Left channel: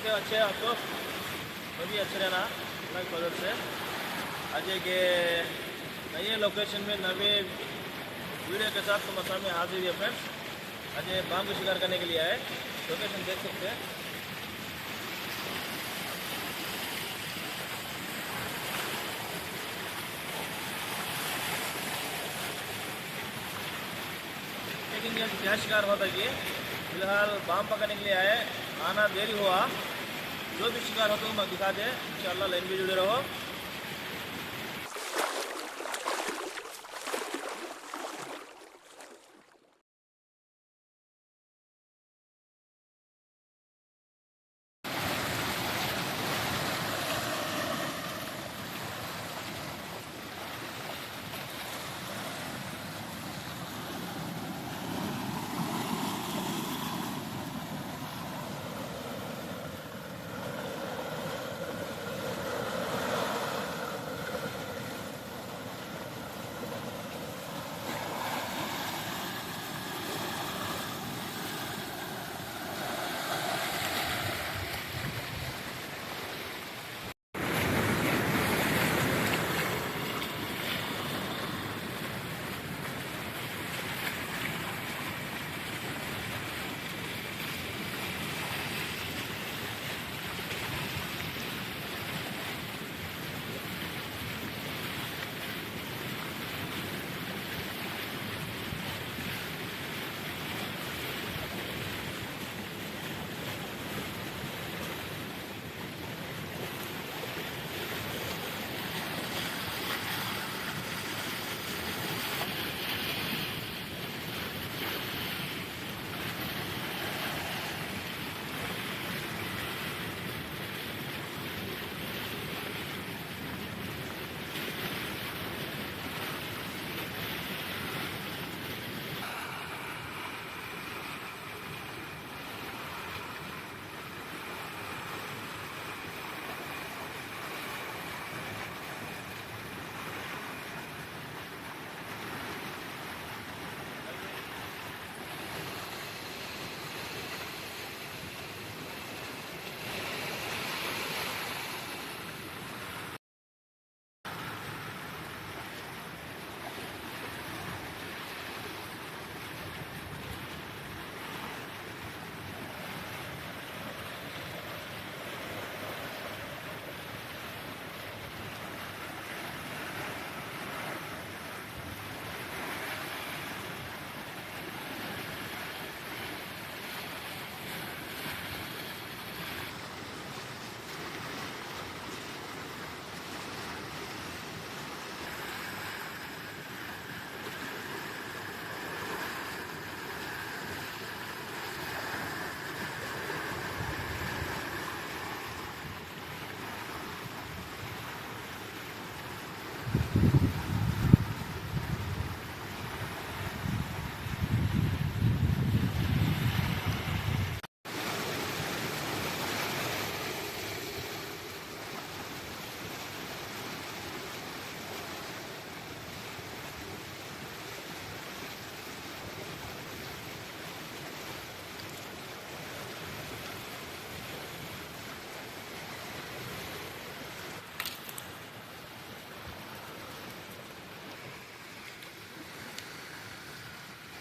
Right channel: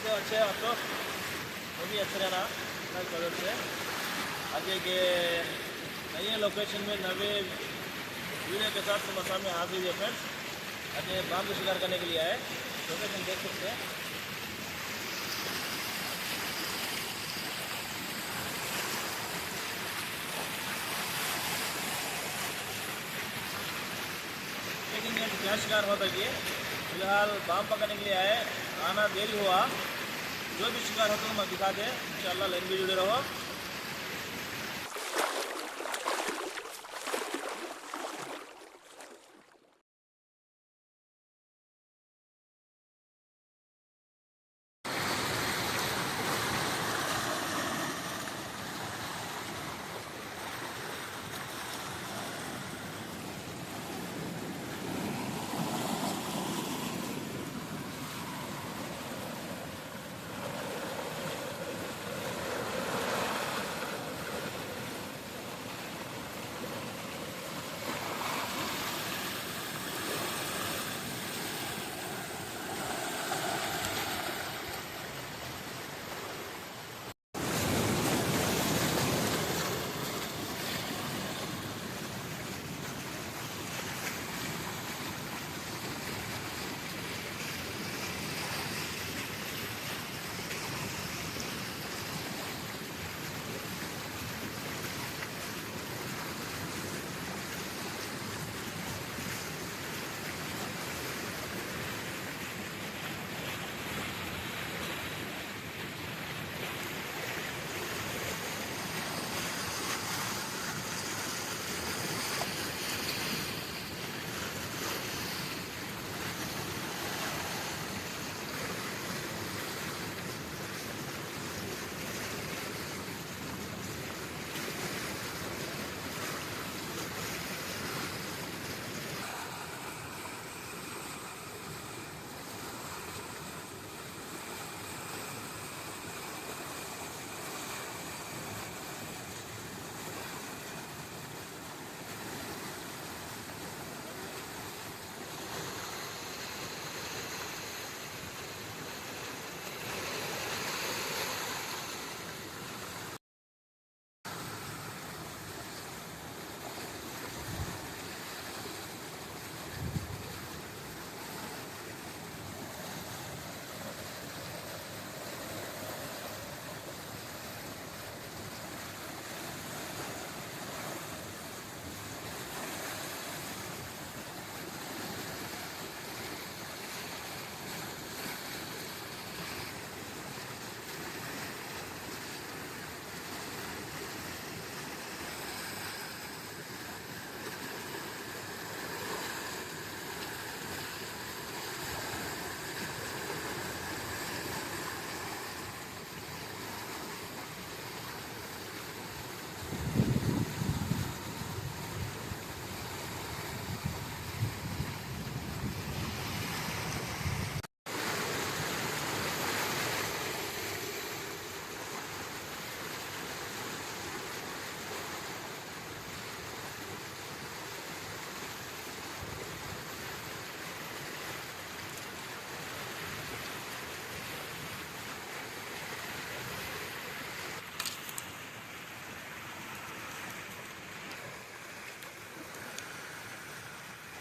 कैसे अच्छे हैं आप तो? वो भी अच्छे रहना अल्लाह की मदद से। आज एक नए लोकेशन में नए वीडियो के साथ तुम्हारे सामने हाजिर है फ्रेंड्स। आज बाम को शिकार करने के लिए आए। लोकेशन देख सकते हैं। लेकिन ये क्या शिकार होता है ये फिलहाल बाम पकड़ने के लिए आए। आना देरी हुआ। जो भी शिकार होता है मैं दिखा दे इंशाल्लाह। लाइन भी जुड़े रहो।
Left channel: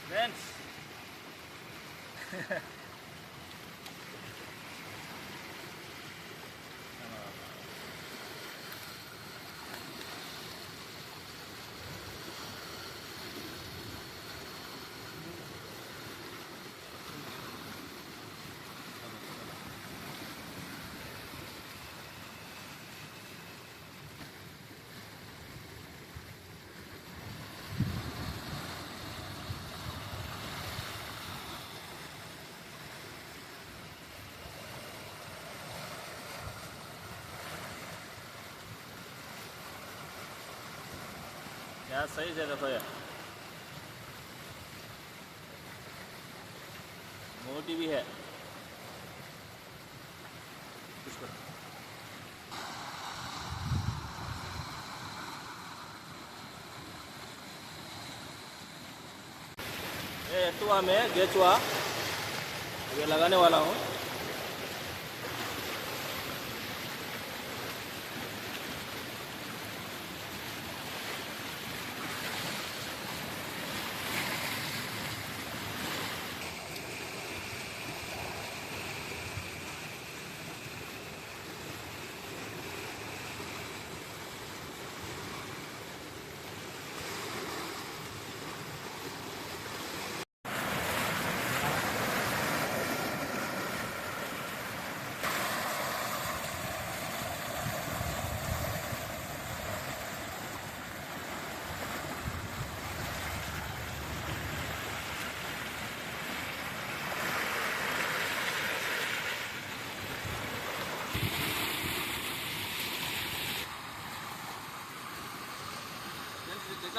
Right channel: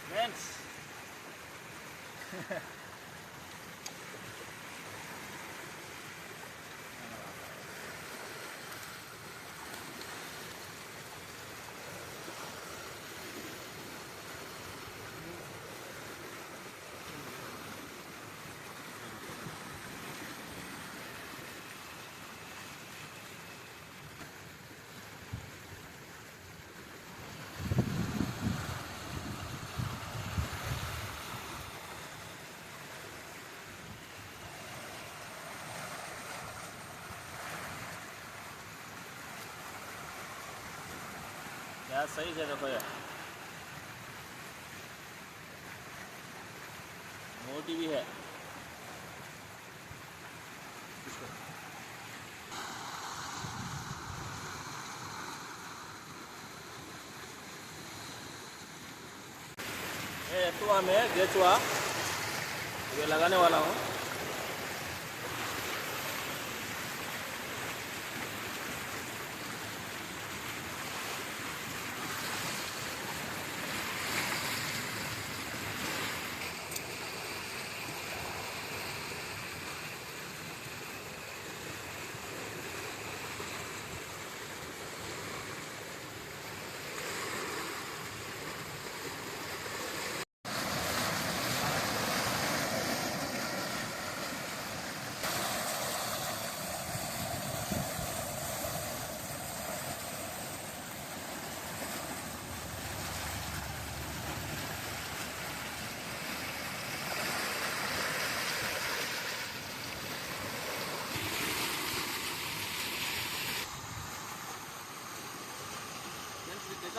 फ्रेंड्स यार सही से देखो यार, मोटी भी है। एटुआ में गेचुआ ये लगाने वाला हूँ।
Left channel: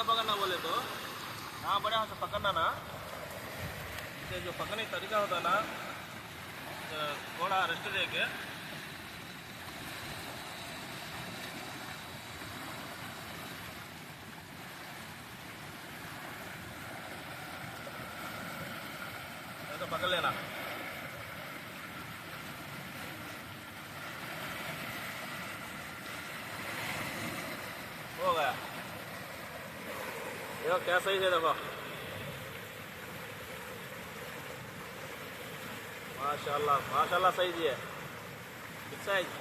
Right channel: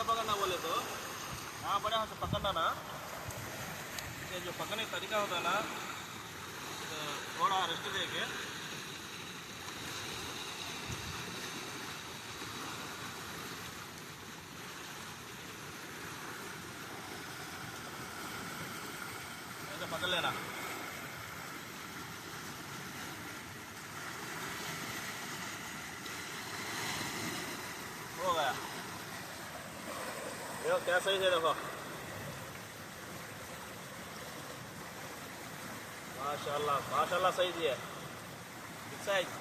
कैसा पकड़ना बोले तो यहाँ बड़े हाथ से पकड़ना ना, इसके जो पकड़ने का तरीका होता है ना, तो थोड़ा रेस्ट दे के ऐसे पकड़ लेना। हो गया, देखो क्या सही है, देखो माशाल्लाह माशाल्लाह सही जी है, बिग साइज।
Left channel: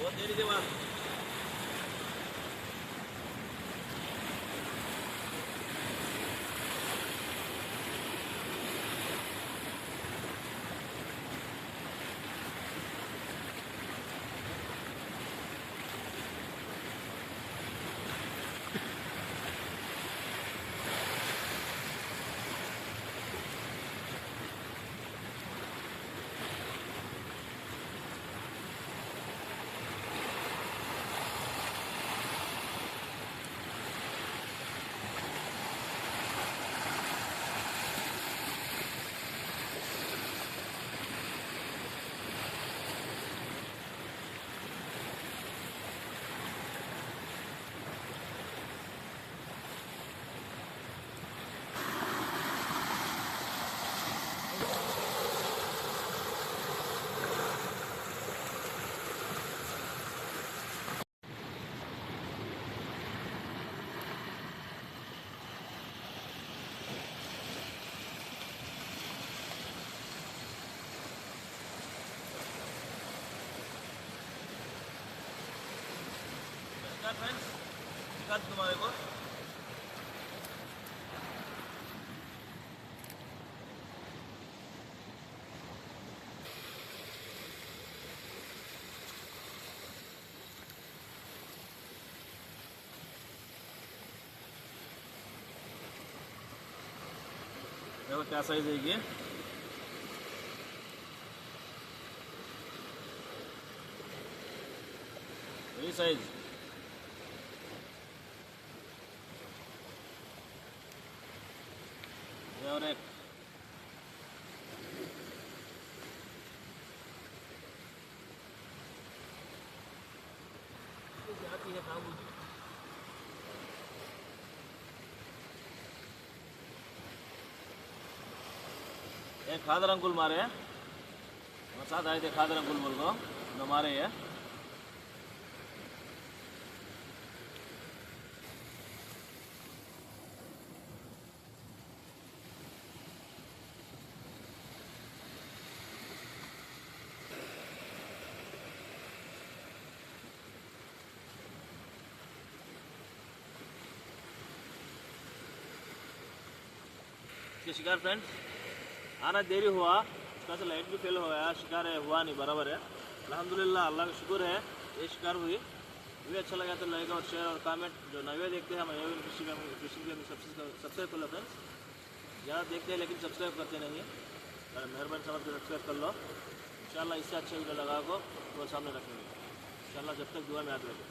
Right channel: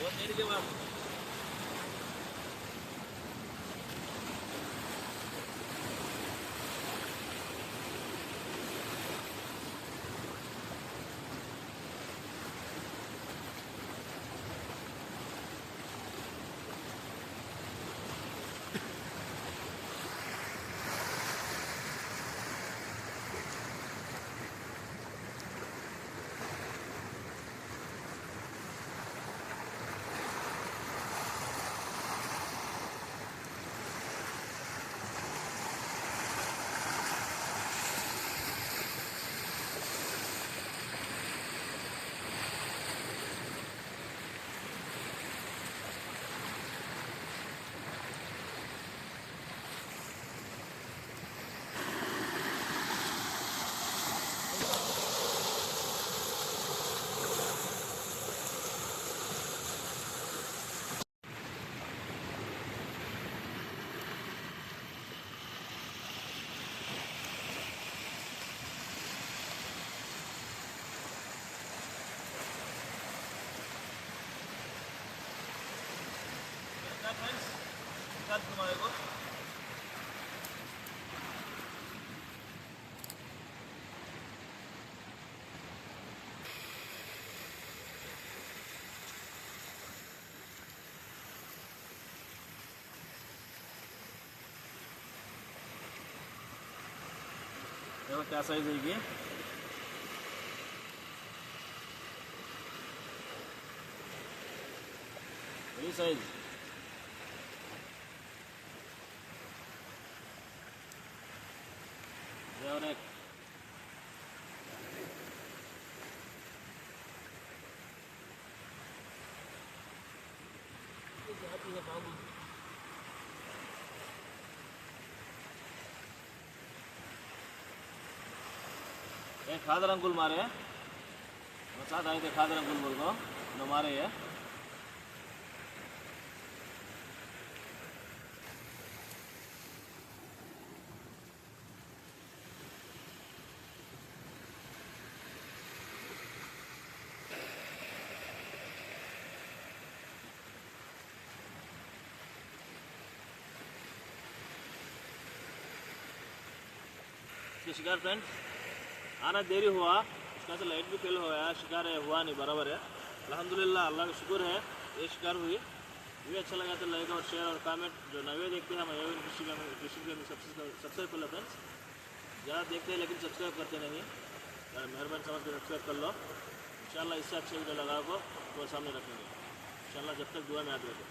बहुत देरी के बाद फ्रेंड्स दिखा तुम्हारे को। देखो क्या साइज है ये, वही साइज। और एक जाती है काबू। एक खादर अंकुल मारे हैं, साथ आए थे खादर अंकुल बोल को न मारे है। शिकार फ्रेंड आना देरी हुआ, उसका से लाइट भी फेल हो गया, शिकार है हुआ नहीं बराबर है। अल्हम्दुलिल्लाह अल्लाह का शुक्र है ये शिकार हुई। वीडियो अच्छा लगा तो लाइक और शेयर और कमेंट। जो नए देखते हैं हम फिशिंग सब्सक्राइब कर लो फ्रेंड्स, ज़्यादा देखते हैं लेकिन सब्सक्राइब करते नहीं है, मेहरबानी समझ कर सब्सक्राइब कर लो। इंशाल्लाह इससे अच्छे वीडियो लगा को तो सामने रखेंगे इंशाल्लाह, जब तक दुआ में याद रखें।